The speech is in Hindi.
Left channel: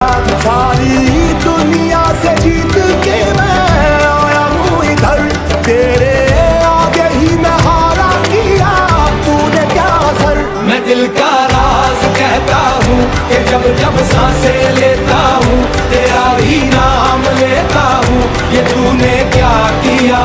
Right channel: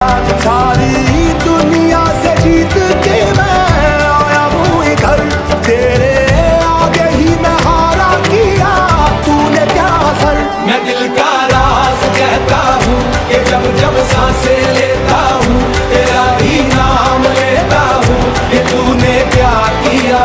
सारी दुनिया से जीत के मैं आया हूँ इधर, तेरे आगे ही मैं हारा किया तूने क्या असर। मैं दिल का राज कहता हूँ कि जब जब सांसें लेता हूँ तेरा ही नाम लेता हूँ, ये तूने क्या किया।